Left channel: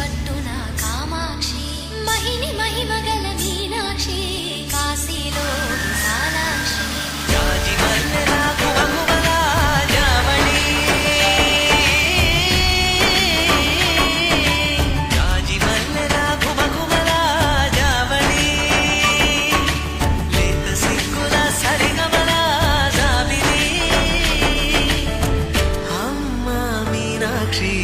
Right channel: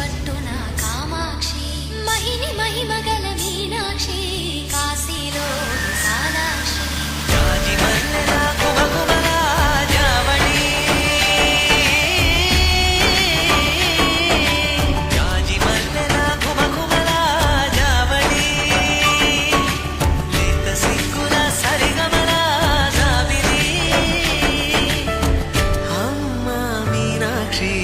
పట్టున కామాక్షి మహిని మహిమగల మీనాక్షి కాశీలో విశాలాక్షి జాజి మల్లెల ఘుమఘుమల జావళి జాజి మల్లెల ఘుమఘుమల జావళి లేత సిగ్గుల సరిగమల జాబిలి అమ్మ మీనాక్షి